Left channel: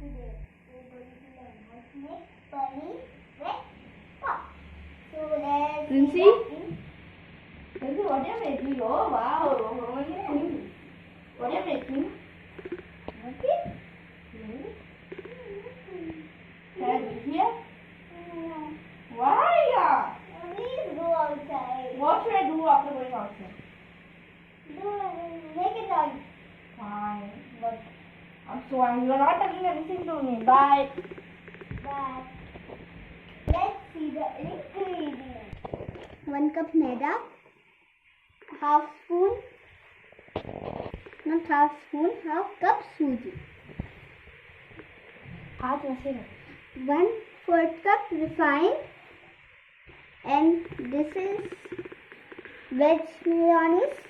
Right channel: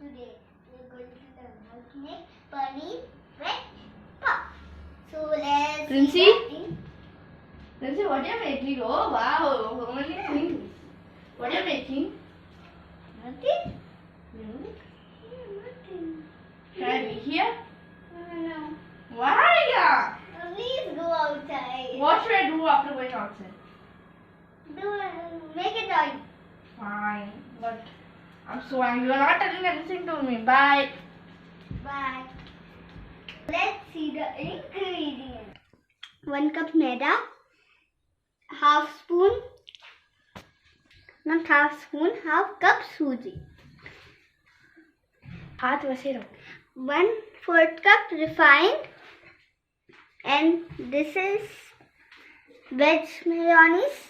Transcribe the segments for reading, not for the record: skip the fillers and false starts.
today we're going to learn how to make paneer veg puff. So let's Princy? Princy, what are you making? Oh wow, so many things. What are you making? Nothing. Can I be here? No. Why? Please go outside. What should I do after going outside? Make a toy. Fine, but I'm so angry. You're not telling anything to me. Bye. Bye. Let's see the ingredients. 1 cup maida, half cup suji. 1/4 cup refined, and this is veg mayonnaise,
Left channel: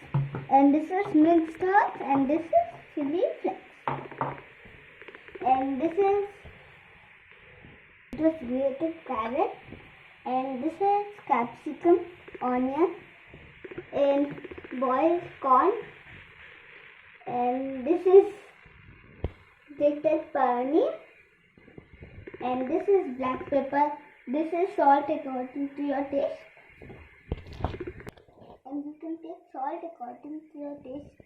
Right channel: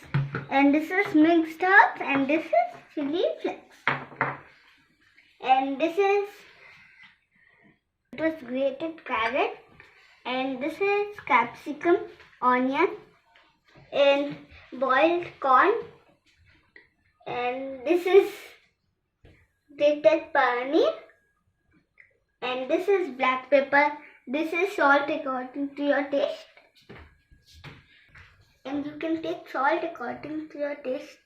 and this is mixed herbs, and this is chili flakes, and this is grated carrot, and this is capsicum, onion, and boiled corn, and this is grated paneer, and this is black pepper. This is salt according to your taste, and you can take salt according to your taste,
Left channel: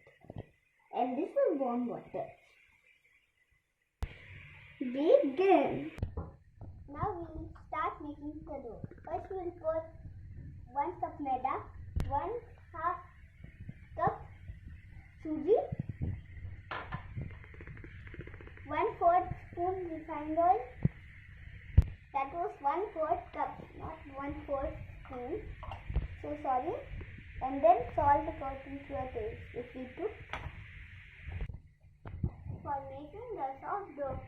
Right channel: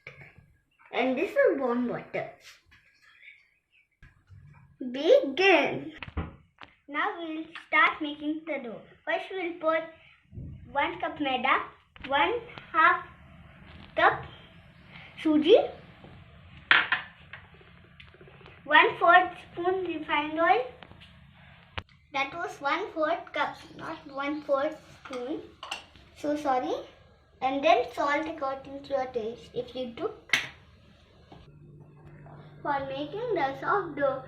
and this is warm water. Begin. Now we'll start making the dough. First we'll put 1 cup maida, 1/2 cup suji, 1/4 spoon refined oil. That was 1/4 cup, not 1/4 spoon. So sorry. And then salt according to your taste if you took. For making the soft dough,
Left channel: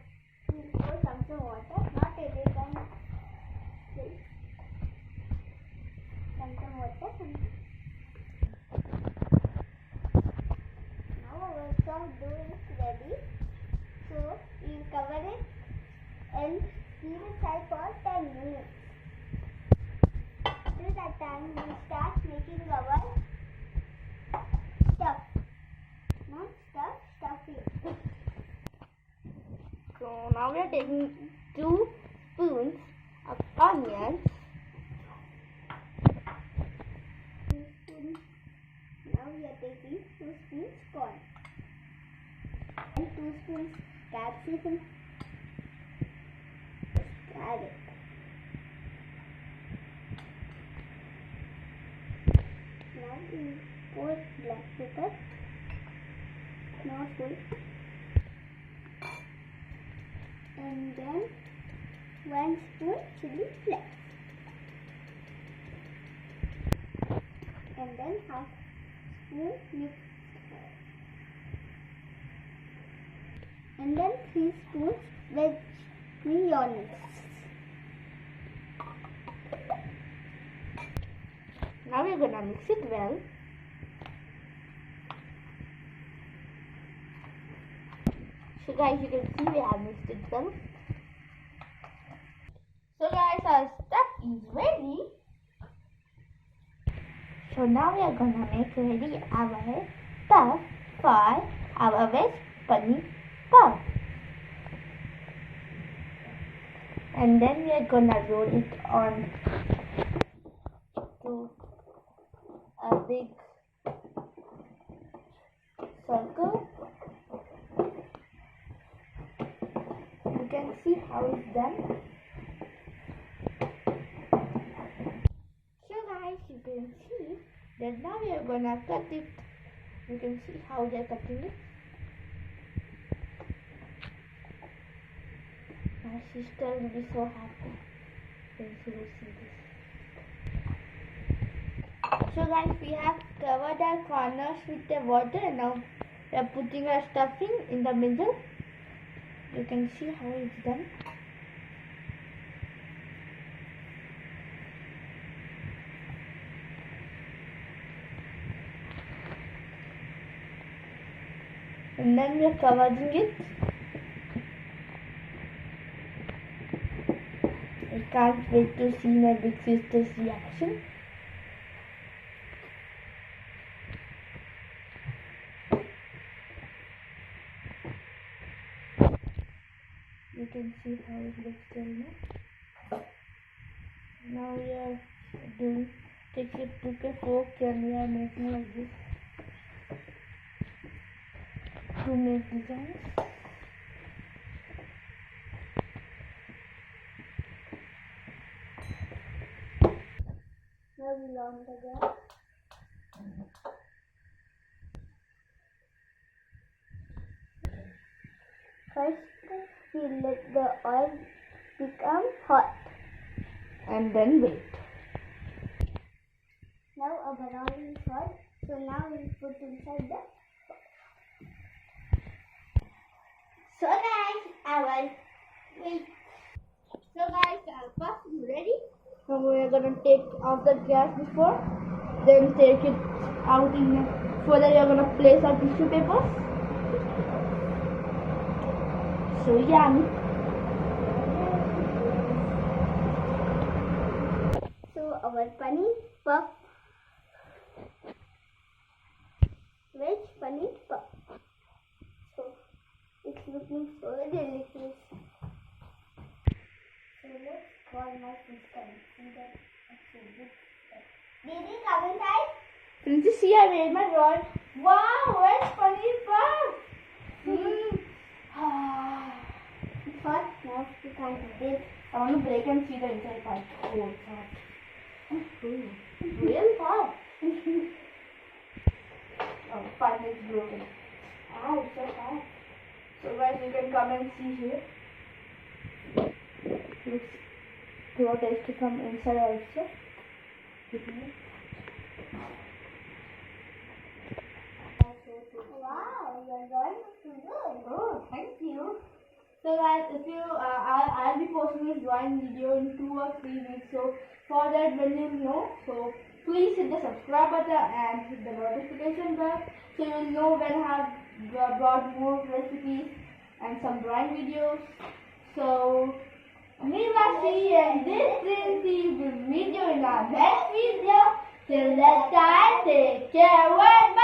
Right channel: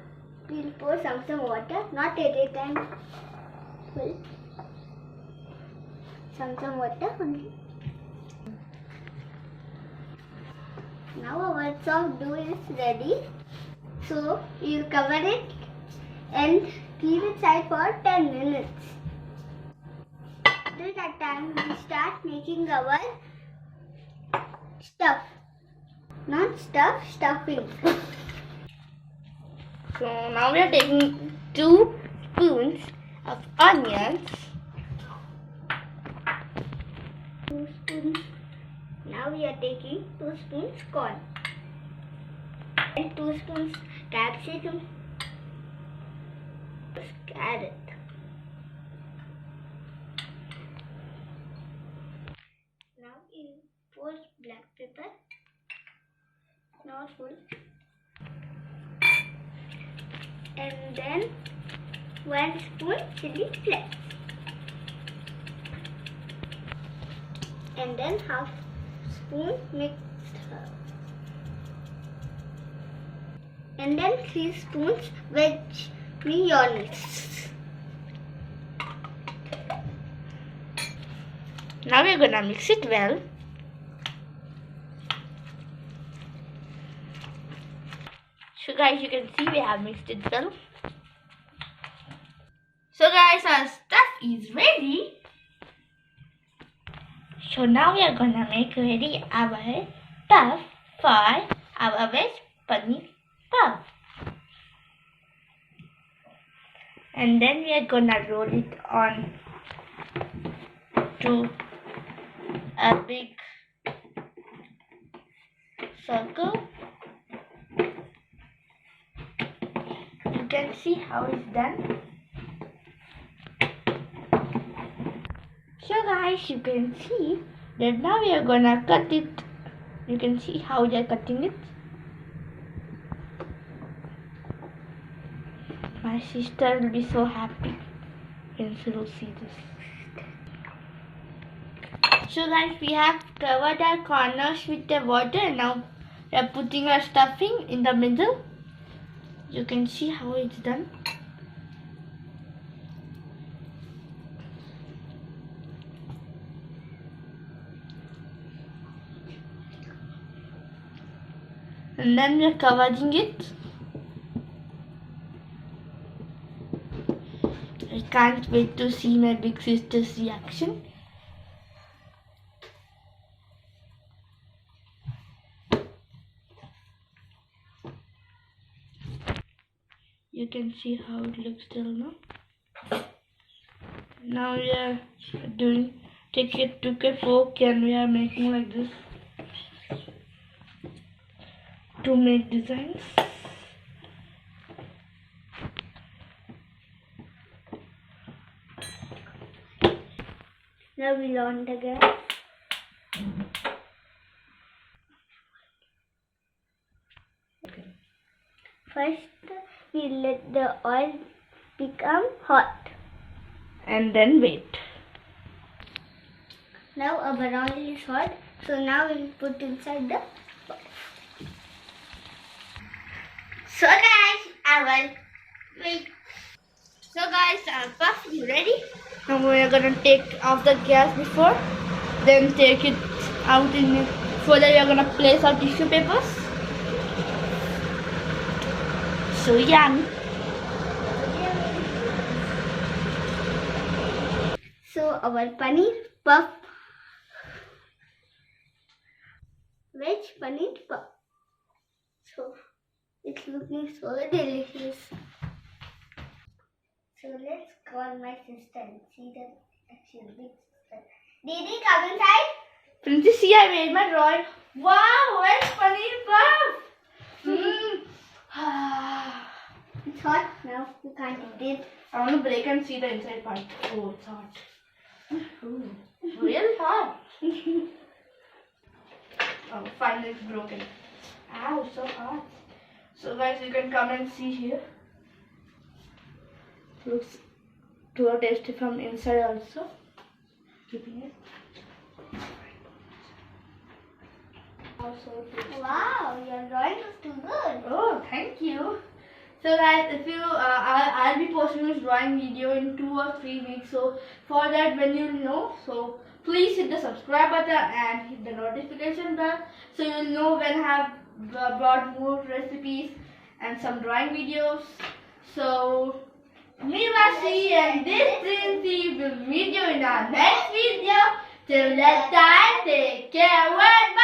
we'll pour some water, not at a time. Fill some water only. Now our soft dough is ready. So we'll cover it and keep it aside for 10 minutes. Till that time, we'll start making our stuff. Not stuff, stuffing. So now we are taking 2 spoons of onions. 2 spoons. Now we are taking 2 spoons corn. And 2 spoons capsicum. Carrot. Now we pour black pepper. Not full. And then 1 spoon chili flakes. And then 1/2 spoon mixed herb. And then 3 spoons veg mayonnaise. Now we're gonna mix it well. So guys, you can see we have mixed it well. So guys, our stuff is ready. So now we are gonna make ready our stuff for our veg paneer puff. And then we are gonna roll it on to a big circle. You can see how it's done. So guys, you can see that now we are gonna cut it. You can see how we are cutting it. My sister will be so happy when she will see this. So guys, we have covered our corners with the water, and now we are putting our stuffing in the middle. You can see how it's done. And then we are covering it. I can't wait to see my big sister's reaction. You can see how it looks till now. Now we are took a fork and we are making like this to make designs. Now we'll on the gas. First, we let the oil become hot. And then wait. Now our oil is hot, so now we'll put inside the box. So guys, I will wait. So guys, our puff is ready. Now we are gonna take off the gas before, then take it out in it. Further we are gonna place our tissue papers. So yummy. So our paneer puff, veg paneer puff. So it's looking so delicious. So let's call my sister and see that actually big sister. Didi, come inside. Princy, see, I made my drawing. Wow, veg paneer puff. It's hot now. We can't eat it. I want to break and see the inside part. Oh, it's hot. Ooh, really hot. Oh, finally it's broken. Ow, so hot. So guys, you can come and see here. Looks so tasty from inside also. Wow, your drawing is too good. Oh, thank you. So guys, if you, I'll be posting this drawing video in 2 or 3 weeks. So for that, when you know, so please hit the subscribe button and hit the notification bell, so you'll know when I have brought more recipes and some drawing videos. So me, Rashi and this Princy will meet you in our next video. Till that time, take care. Bye.